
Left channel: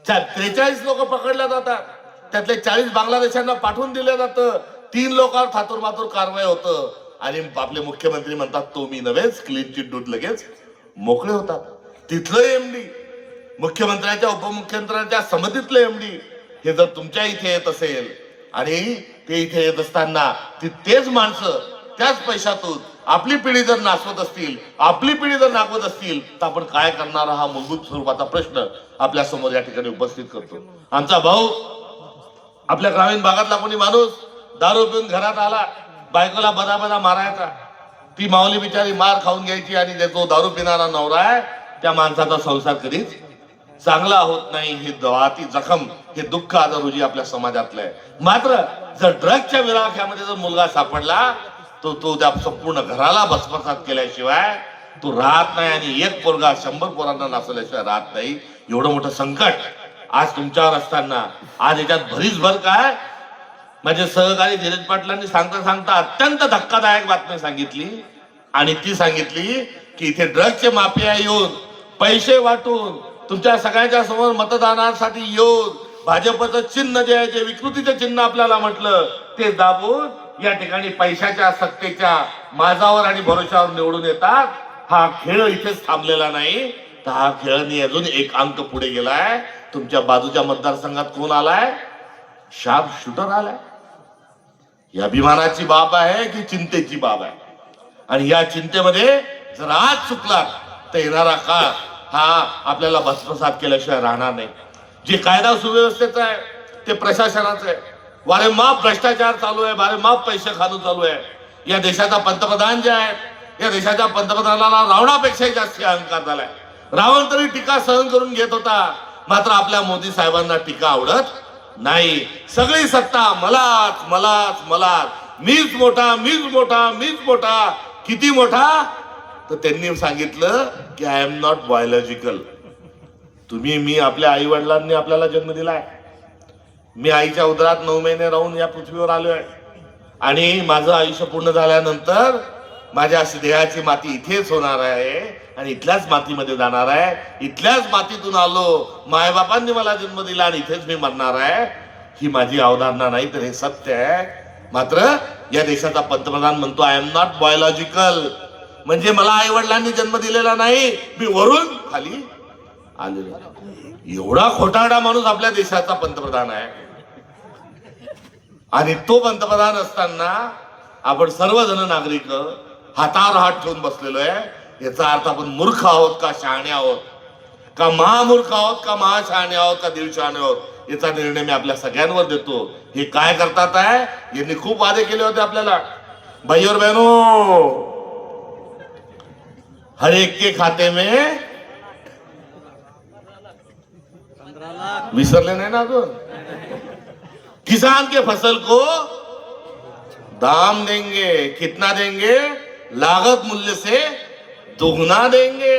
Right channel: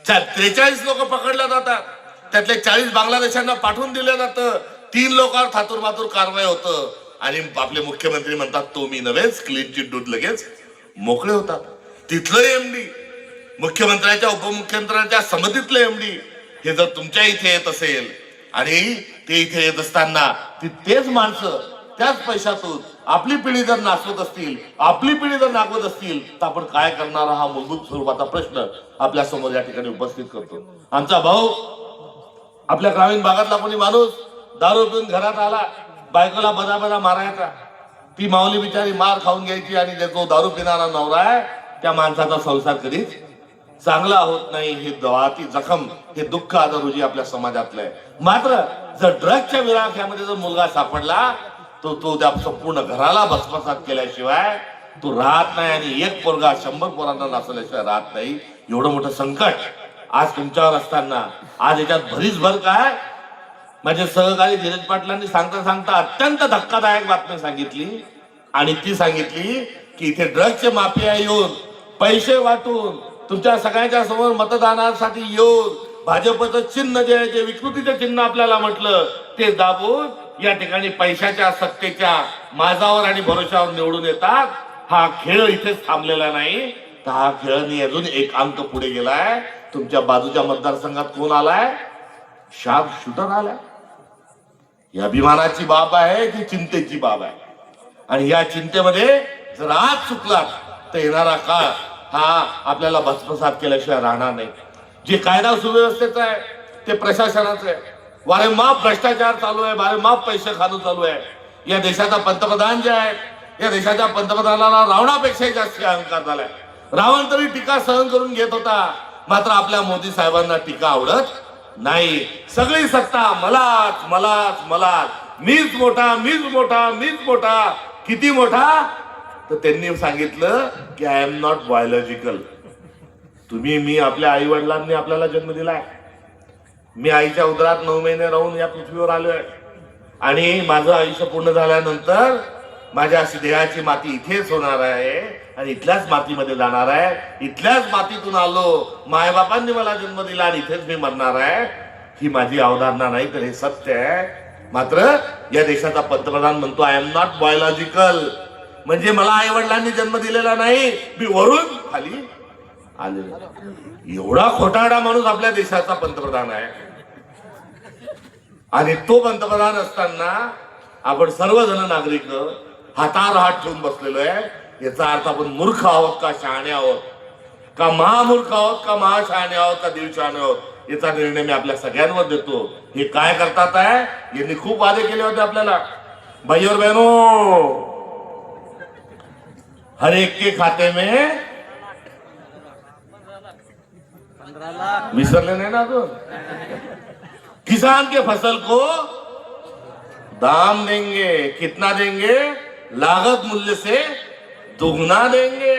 43 लोक पकडल्या जातात, त्यातले 40 बांगलादेशांना पाठवून दिलं जातं, 3 लोकांवर थातूर कारवाई होतं. आणि आपले मुख्यमंत्री म्हणतात तो मी नव्हेच, क्लीन चिट दूध लगेच मोकळे होतात. तिथलं एमडी, मुख्यमंत्र्यांच्या उपमुख्यमंत्र्यांच्या समितीतलं एमडी हे जर तुमच्या इथे येत असेल आणि ते इथे येत असताना तेच माणसं त्याच पैशातून आपली पिढी जर नाचवत असतील, आपली पिढी जर नाचवत असतील, तर आपण काय करणार हा मूलभूत स्वरूपाचा प्रश्न आपल्या समोर या ठिकाणी उपस्थित करतो. आमचा भाऊ, आपल्या ग्रामीण भागातला कोणी माणूस दारू पिऊन घरात आला, बायकोला बदा मारायचा, ती माऊली बिचारी मार खाऊन घ्यायची आणि जो दारू पिणारा नवरा आहे त्या माणसाचा संसार कधीच चांगला होत नाही. ही ती जखम, हे दुःख आता रोजी आपल्या समाजातलं आहे. मात्र जर ड्रग्सच्या विळाख्यामध्ये जर मुलगा सापडला तो त्या संपूर्ण घराला भस्मसात केल्याशिवाय तो राहत नाही आणि एक पोरगा 100 पोरांना नाचवल्याशिवाय राहत नाही. एवढं मोठं संकट आज तुमच्यावर असताना आज याच्यात भरीसभर काय माझे सहकारी धीरज पाटलांनी सांगता अत्यंत धक्कादायक बातमी सांगितली आणि ती सांगितली की इथे ड्रग्सचे माफिया येऊन पैसे वाटून तुमच्या सगळ्यांच्या समोर मतदानासाठी येऊन भाजपचं चिन्ह जे आहे, जे विकृतीचं चिन्ह आपल्याला म्हटलं, ते दाबून या ठिकाणी पैशाच्या सत्तेच्या माझावर आणि भरोशावर निवडून येतात. हा खेळ इथेच थांबलेला नाही, तर हा खेळनी अजून एक अंक पुढे गेलाय. तुमच्या बाजूच्या मतदारसंघात कोण आलाय? शार्प शूटर आलाय. ही अभिमानाची बाब आहे की चिंतेची बाब आहे? आणि या चिंतेमध्ये जर आज चुकलात तर येणारा काळ हा आपल्याला भस्मसात केल्याशिवाय राहणार नाही. जे कायदा सुव्यवस्थेचं आहे ते प्रशासनाचं आहे. वारेमाप भ्रष्टाचार चालू आहे, वारेमाप पैसे खाणं चालू आहे. या देशाचा पंतप्रधान जे आहे, या देशाच्या पंतप्रधानाला रावणापेक्षा जास्त अहंकार झालाय. रावण तरी टीका सहन करून घेत होता, मात्र आपल्या मोदी साहेबांना टीका आवडत नाही. सगळी सत्ता मलाच मलाच मलाच, मीच मोठा मीच मोठा मीच मोठा. किती मोठा? तर त्यांनी सांगितलं की आय एम नॉट बायोलॉजिकल. तुम्ही, मी, आपल्या आई वडिलांनी आपल्याला जन्म दिलाय. मी आईच्या उदरात 9 महिने राहून या पृथ्वीवर आलोय आणि माझं आयुष्य पूर्ण झाल्यानंतर माझ्या देहाची माती इथेच होणार आहे आणि इथल्याच मातीमध्ये जाणार आहे. इथल्याच मातीतून आलो, मायबापांनी मला जन्म दिला आणि इथेच मी मरणार आहे. ही माझी अवधारणा नाही, तर हे सत्य आहे. मात्र या देशाचा पंतप्रधान म्हणतो आय एम नॉट बायोलॉजिकल, म्हणजे मला आई वडिलांनी जन्म दिलेला नाही, मी वरून खाली आलेला. एवढा खोटारडा माणूस आपल्या देशाचा पंतप्रधान आहे. आणि तो पंतप्रधान असताना आपण सर्वजण नागरिक हातावर हात ठेवून बसलेलो आहे. याचा अर्थ आपण मूर्ख आहोत का शहाणे आहोत, का महामूर्ख आहोत, का महाशहाणे आहोत, का दीड शहाणे आहोत, याचा निर्णय मी आपल्या सगळ्यांवर देतो. हे काय करतात आहे, यांनी खूप वादे केले होते आपल्याला. भाई और बहनों, हर एक के खाते में 15 लाख विसरले नाही ना अजून. किसान के फसल को दाम देंगे, कितना देंगे? लागत मूल्य से दोगुना देंगे,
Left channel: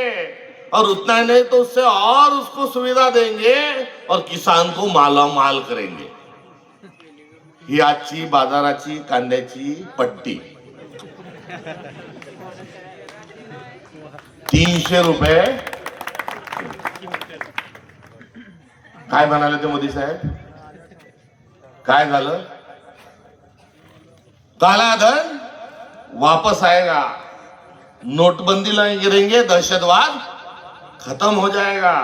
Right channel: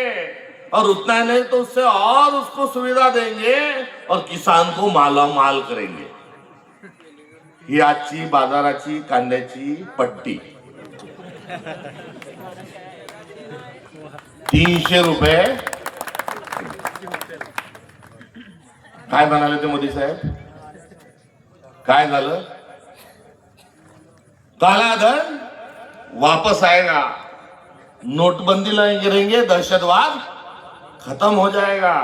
और उतना ही नहीं तो उससे और उसको सुविधा देंगे और किसान को माला माल करेंगे. ही आजची बाजाराची कांद्याची पट्टी. 300 रुपये. काय म्हणाले ते मोदी साहेब? काय झालं? काला धन वापस आएगा, नोटबंदी लाएंगे, दहशतवाद खत्म हो जाएगा.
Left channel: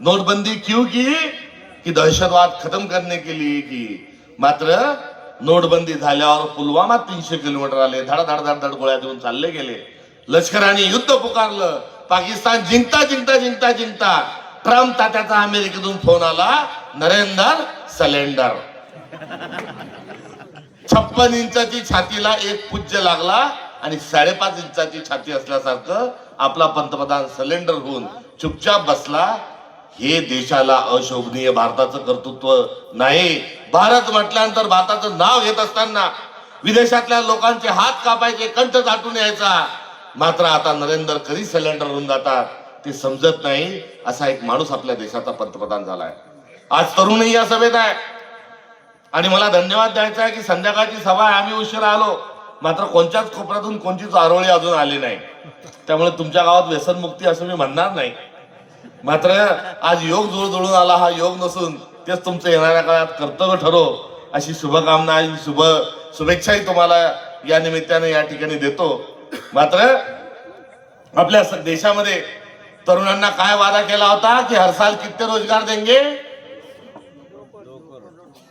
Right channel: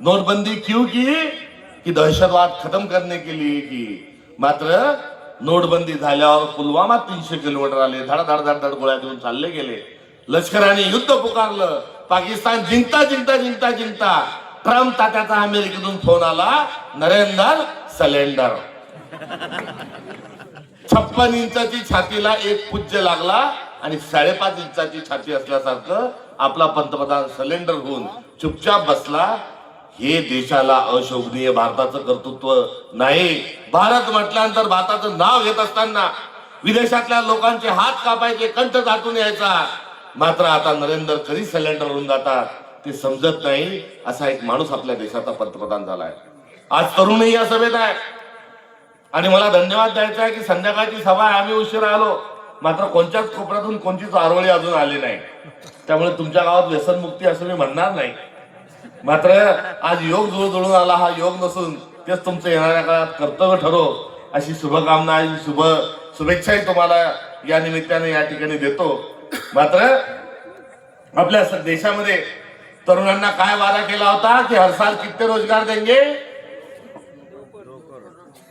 नोटबंदी क्यों की? कि दहशतवाद खत्म करने के लिए की. मात्र नोटबंदी झाल्यावर पुलवामा 300 किलोमीटर आले, धड धड धड धड गोळ्या देऊन चालले गेले. लष्कराने युद्ध पुकारलं. पाकिस्तान जिंकता जिंकता जिंकता जिंकता ट्रम्प तात्याचा अमेरिकेतून फोन आला, नरेंद्र सलेंडर. 56 इंचाची छातीला एक पूज्य लागला आणि 5.5 इंचाची छाती असल्यासारखं आपला पंतप्रधान सलेंडर होऊन चुपचाप बसला. हे देशाला अशोभनीय भारताचं कर्तृत्व नाही. भारत म्हटल्यानंतर भारताचं नाव घेत असताना विदेशातल्या लोकांचे हात कापायचे, कंठ दाटून यायचा. मात्र आता नरेंद्र कधी सिलेंडर होऊन जातात ते समजत नाही. असा एक माणूस आपल्या देशाचा पंतप्रधान झालाय. आज तरुणही या सभेत आहे आणि मला धन्यवाद द्यायचा आहे की संध्याकाळची सभा आहे, आम्ही उशिरा आलो, मात्र कोणत्याच कोपऱ्यातून कोणतीच आरोळी अजून आली नाही. त्यामुळे तुमच्या गावात व्यसनमुक्ती असं मी म्हणणार नाही. मात्र आज योग जुळून आला, हा योग नसून तेच तुमचं येणाऱ्या काळात कर्तव्य ठरो अशी शुभकामना आणि शुभेच्छाही तुम्हाला या निमित्ताने या ठिकाणी देतो. मात्र आपल्या देशामध्ये तरुणांना काय वादा केला होता की हर साल किती रोजगार देंगे?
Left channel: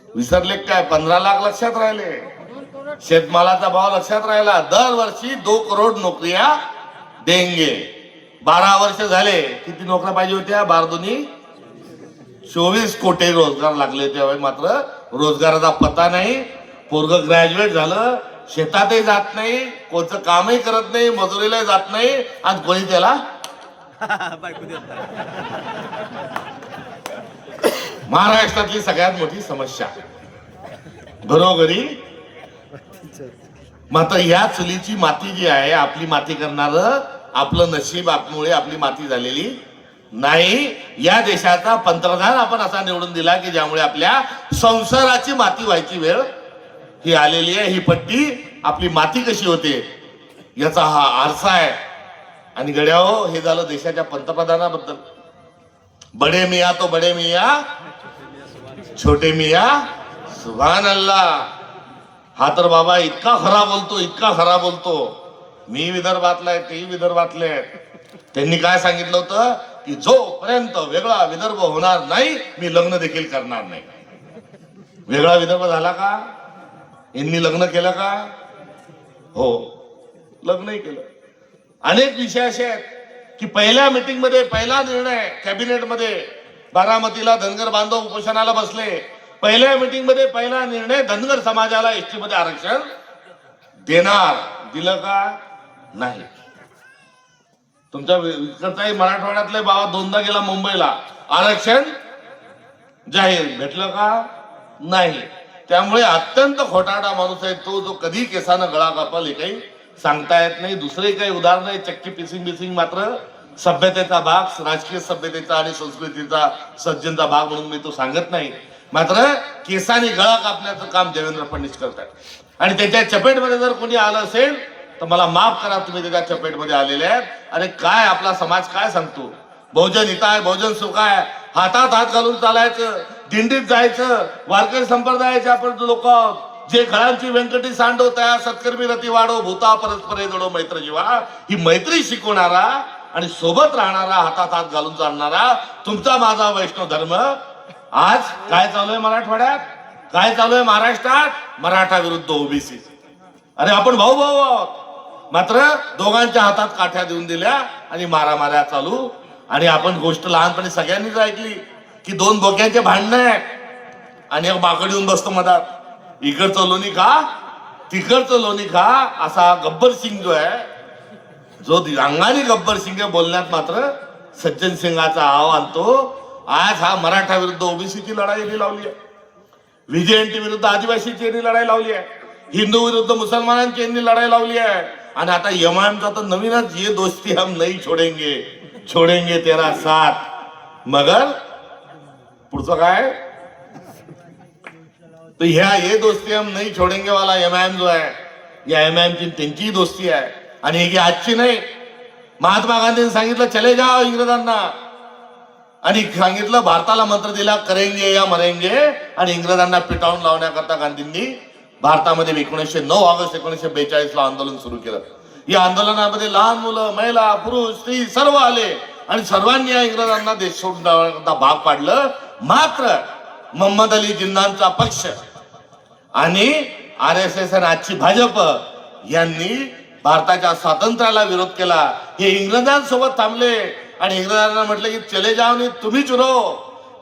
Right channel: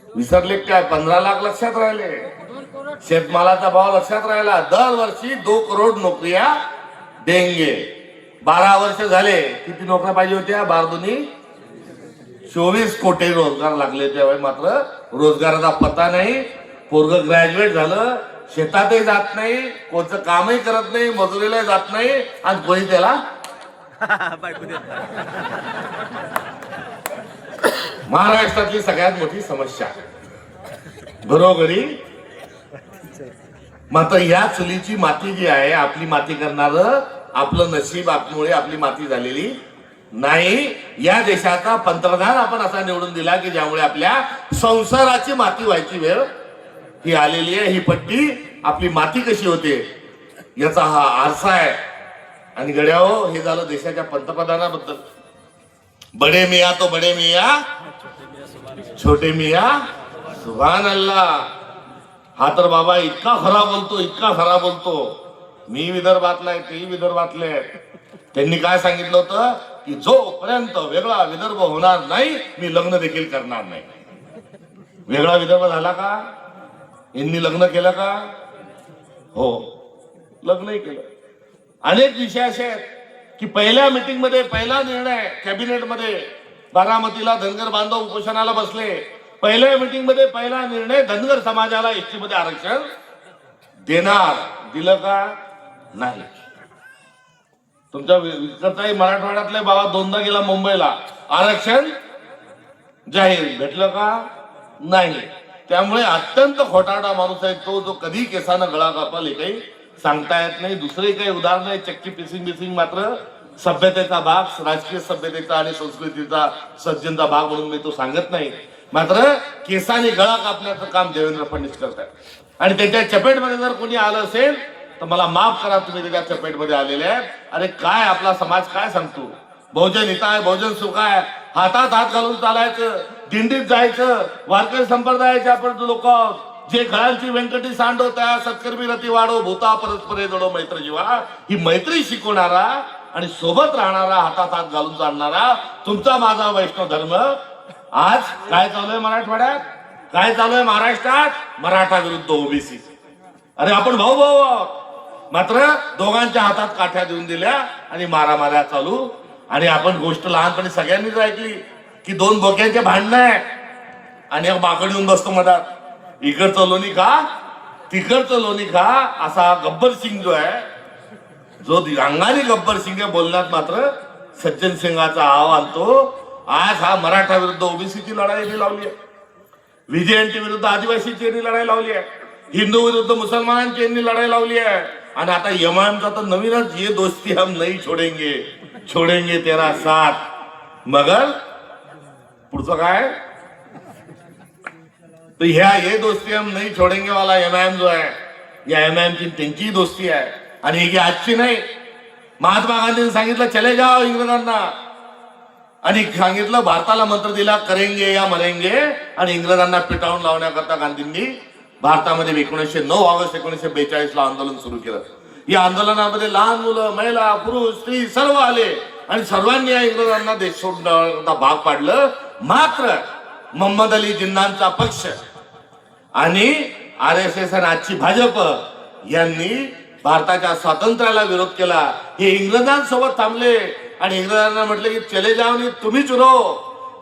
विसरले काय? 15 लाख लक्षात राहिले. शेतमालाचा भाव लक्षात राहिला, दरवर्षी 2 करोड नोकऱ्या देंगे. 12 वर्ष झाले, किती नोकऱ्या पाहिजे होत्या? 24 कोटी रोजगार लागले. त्यावेळी मात्र रोजगाराचा पत्ता नाही. पोरग ग्रॅज्युएट झालं, शेतातही जात नाही, कोणतं कामही करत नाही, मजुरीलाही जात नाही, आणि कोणी त्याला बायको देत नाही. महाराष्ट्रातली सगळ्यात मोठी समस्या घरोघरी. मात्र या चुलीची माती जी आहे, आपली माती करणार आपलं नशीब आपमुळे आपली माती झालेली नाही. या देशाचा पंतप्रधान आपण असा निवडून दिला की ज्यामुळे आपल्या संसाराची माती व्हायची वेळ ही आलेली आहे. ही पट्टी आपली माती कशी होते याचा हा आरसा आहे. आणि गड्याहो, हे झालं देशाच्या पंतप्रधानाबद्दल. बडे मिया तो बडे मिया, छोटे मिया सुभान अल्लाह. हा तर बाबा इतका खरा बोलतो, इतका खरा बोलतो. मी विदर्भातला आहे, तेही विदर्भातले आहेत. त्यांनी काय सांगितलं होतं की जोपर्यंत वेगळा विदर्भ होणार नाही, मी लग्न देखील करणार नाही. वेगळा विदर्भ झाला का? यांनी लग्न केलं का? हो, लग्नही केलं. अनेक विषय असे आहेत की पहिल्या मीटिंग मध्ये पहिला निर्णय कॅबिनेटमध्ये, बारामतीला धनगर बांधव उपोषणाला बसले. पहिल्या मीटिंग मध्ये पहिला निर्णय, धनगर समाजाला एसटी मध्ये आरक्षण देणार. दिलं का? नाही. तुमच्या इकडचाही मराठवाड्यातले बाबा 2दा गेला मुंबईला, आरक्षण जाहीर. भेटलं का? नाही. त्यामुळे अत्यंत खोटारडा माणूस आहे तो, जो कधी केसानं गळा कापल हे काही सांगता येत नाही. दुसरे काही उदाहरण आहे, चक्की पिसिंग बिसिंग मात्र सभ्यतेचा भाग, राजकीय सभ्यतेचा आणि संस्कृतीचा सज्जनचा भाग म्हणून मी तो सांगत नाही. मात्र केसाने गळा कापण्याचं काम देवेंद्र फडणवीस करतात. आणि त्याच्या चपेटमध्ये जर कोणी आलं असेल तर मला माफ करा, तुम्ही त्याच्या चपेटमध्ये आलेले आहेत. अरे काय आपला समाज काय सांगतो? बहुजन हित आहे, बहुजन सुख आहे, हातात हात घालून चालायचं, दिंडीत जायचं. वारकरी संप्रदायाचे आपण लोक जे घरांची व्यंकटी सांडवता, सत्कर्मी रती वाढो, भूता परस्परे जोडो मैत्र जीवा, ही मैत्री शिकवणारा आणि सोबत राहणारा, हातात हात घालून चालणारा तुमचा माझा वैष्णव धर्म. आज काय चालू आहे मराठवाड्यात, काय चालू आहे महाराष्ट्रात? मराठा विरुद्ध ओबीसी. अरे आपण भाऊ भाऊ आहोत, मात्र दोघांच्या हातात काठ्या देऊन दिल्या आणि मारामाऱ्या चालू. आणि आपण गोष्ट लहानपणी सगळ्यांनीच ऐकली की 2 बोक्यांचे भांडणं आहे आणि एक बाकड येऊन बसतो मधात. इकडचं लोणी खा, तिकडचं लोणी खा, असा गब्बर सिंग जो आहे, जो अंगारी गब्बर सिंग आहे, बोलण्यात मात्र सज्जन सिंगाचा आव्हान तो. आज हा मराठा विरुद्ध ओबीसीची लढाई लावली आहे, व्हीजेएनटी विरुद्ध आदिवासीची यांनी लढाई लावली आहे, हिंदू विरुद्ध मुसलमानांची यांनी लढाई लावली आहे. आणि आता यमानचा तर नवीनच, ये दोस्ती हम नहीं छोडेंगे, छोडेंगे तेरा साथ. मगर पुढचं काय? तो ह्या ये दोस्ती हम नहीं छोडेंगे वाला एमआयएम जो आहे, या एमआयएमची त्यांची दोस्ती आहे. आणि ही आजची नाही. महात्मा गांधींनी सांगितलं चले जाओ इंग्रजांना, आणि सांगितलं भारताला मंत्र दिला करेंगे या मरेंगे. आणि इंग्रजांना पिटाळून लावण्याकरता गांधींनी भारतामध्ये 1909 ऑगस्ट 1942 ला आंदोलन सुरू केलं. या आंदोलनामध्ये लहान मुलं, महिला, पुरुष, स्त्री सर्व आले आणि सर्वांनी या इंग्रजांना देश सोडण्याकरता भाग पाडलं. मात्र मोहम्मद अली जिन्नांचा पक्ष आणि RSS आणि आजची भाजप यांनी भारताच्या स्वातंत्र्याला विरोध केला. हे इंग्रजांसोबत थांबले आणि इंग्रजांना म्हटलं की चले जाओ नाही, तुम्हीच रहो,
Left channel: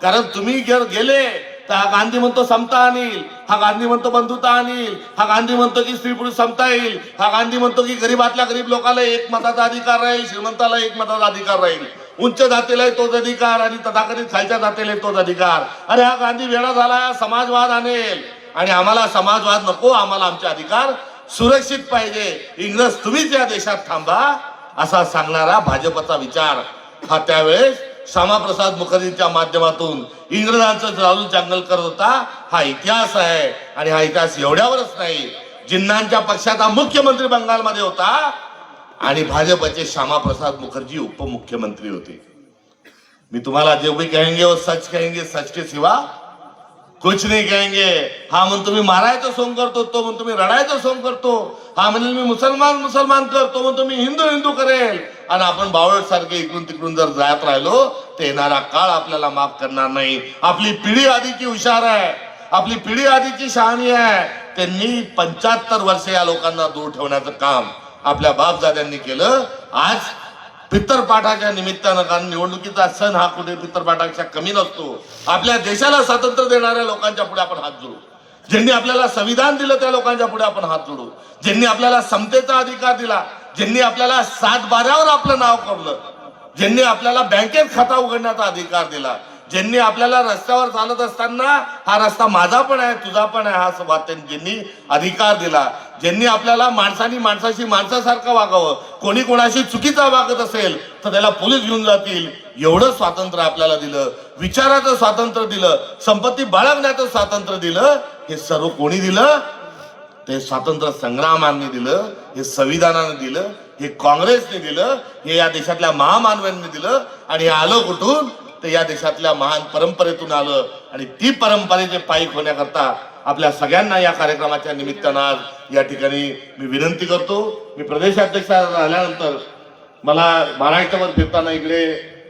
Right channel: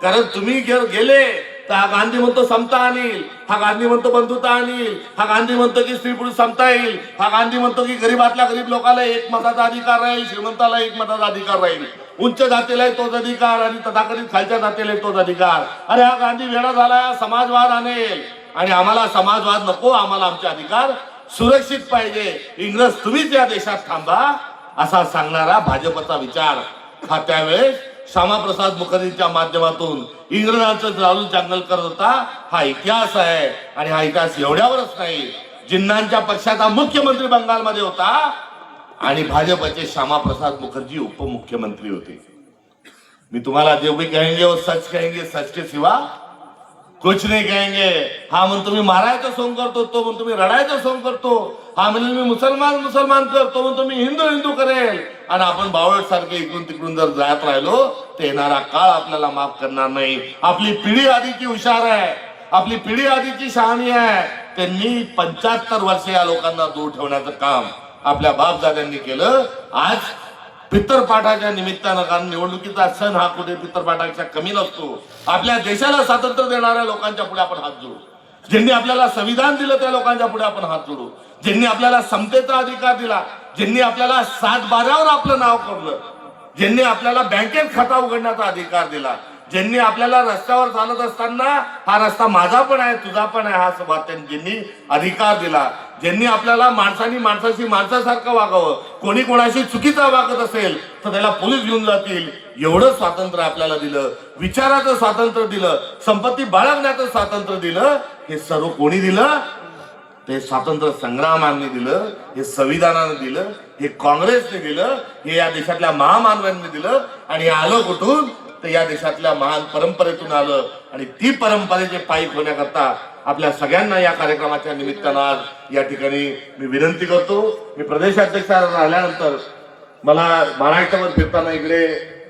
कारण तुम्ही गेले तर हा गांधी म्हणतो समता आणील, हा गांधी म्हणतो बंधुता आणील, हा गांधी म्हणतो की स्त्री पुरुष समता येईल, हा गांधी म्हणतो की गरीबातल्या गरीब लोकांना एक मताचा अधिकार राहील, श्रीमंताला एक मताचा अधिकार राहील, उच्च जातीला तोच अधिकार आणि तथाकथित खालच्या जातीला तोच अधिकार. अरे हा गांधी वेडा झाला, समाजवाद आणेल. आणि आम्हाला समाजवाद नको, आम्हाला आमचे अधिकार सुरक्षित पाहिजे. इंग्रज तुम्हीच या देशात थांबा असा सांगणारा भाजपचा विचार हा त्यावेळेस श्यामाप्रसाद मुखर्जींच्या माध्यमातून इंग्रजांचं लावून चांगल करत होता. हा इतिहास आहे. आणि हा इतिहास एवढ्यावरच नाही, जिन्नांच्या पक्षाचा मुख्यमंत्री बंगालमध्ये होता आणि भाजपचे श्यामाप्रसाद मुखर्जी उपमुख्यमंत्री होते. मी तुम्हाला जो भी कहेंगे वो सच कहेंगे, सच के सिवा कुछ नहीं कहेंगे. हा म्हणून तुम्ही मारायचं सोंग करतो, तो म्हणून तुम्ही रडायचं सोंग करतो. हा म्हणजे मी मुसलमान करतो, म्हणून तुम्ही हिंदू करेल. आणि आपण बावळट सारखे इकडून तिकडून जर जात राहिलो तर येणारा काळ आपल्याला माफ करणार नाही. आपली पिढी आधीची हुशार आहे, आपली पिढी आधीची शहाणी आहे. त्यांनी 75 वर्ष या लोकांना दूर ठेवण्याचं काम आपल्या बापदाद्यांनी केलं. आज पितरपाठाच्या निमित्तानं, कारण निवडणुकीचा सण हा कुठे पितरपाठाच्या कमी नसतो, आपल्या देशाला स्वातंत्र्य देणाऱ्या लोकांच्या पुढे आपण हात जोडू. ज्यांनी आपल्याला संविधान दिलं त्या लोकांच्या पुढे आपण हात जोडू. ज्यांनी आपल्याला समतेचा अधिकार दिला, ज्यांनी आपल्याला 7/12वर आपलं नाव कोरलं, ज्यांनी आपल्याला बँकेत खाता उघडण्याचा अधिकार दिला, ज्यांनी आपल्याला रस्त्यावर चालत असताना हा रस्ता माझा पण आहे तुझा पण आहे हा संवाद ज्यांनी अधिकार दिला, ज्यांनी आपल्याला माणसानी माणसाशी माणसासारखं वागावं, कोणी कोणाशी चुकीचा वागत असेल तर त्याला पोलीस घेऊन जातील एवढं स्वातंत्र्य आपल्याला दिलं, विचाराचं स्वातंत्र्य दिलं, संपत्ती बाळगण्याचं स्वातंत्र्य दिलं, हे सर्व कोणी दिलं? ते स्वातंत्र्य संग्रामांनी दिलं, हे संविधानानं दिलं, हे काँग्रेसने दिलं, हे या देशातल्या महामानवांनी दिलं. आणि हे आलं कुठून? तर या देशातल्या महान परंपरेतून आलं. आणि ती परंपरेचे पायी होण्याकरता आपल्या सगळ्यांना या कार्यक्रमाच्या निमित्तानं आज या ठिकाणी मी विनंती करतो. मी प्रदेशाध्यक्ष झाल्यानंतर मला महाराष्ट्रावर फिरताना इकडे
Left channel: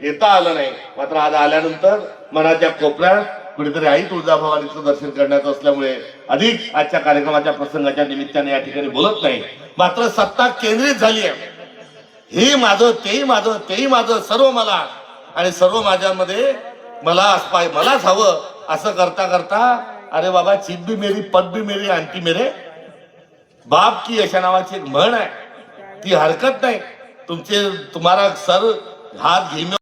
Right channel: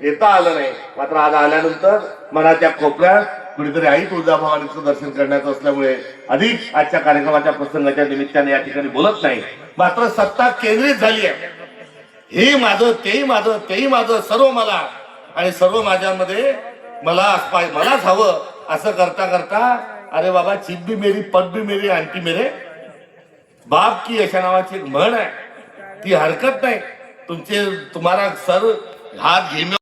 येता आलं नाही, मात्र आज आल्यानंतर मनाच्या कोपऱ्यात कुठेतरी आई तुळजाभवानीचं दर्शन करण्याचं असल्यामुळे अधिक आजच्या कार्यक्रमाच्या प्रसंगाच्या निमित्ताने या ठिकाणी बोलत नाही. मात्र सत्ता केंद्रित झाली आहे. हे माझं, तेही माझं, तेही माझं, सर्व मला आणि सर्व माझ्यामध्ये मलाच हवं असं करता करता, अरे बाबा, चिप भी मेरी, पद भी मेरी, आंटी मेरे बाप की अशा नावाची एक म्हण आहे, ती हरकत नाही. तुम्हारा सर हात घेणे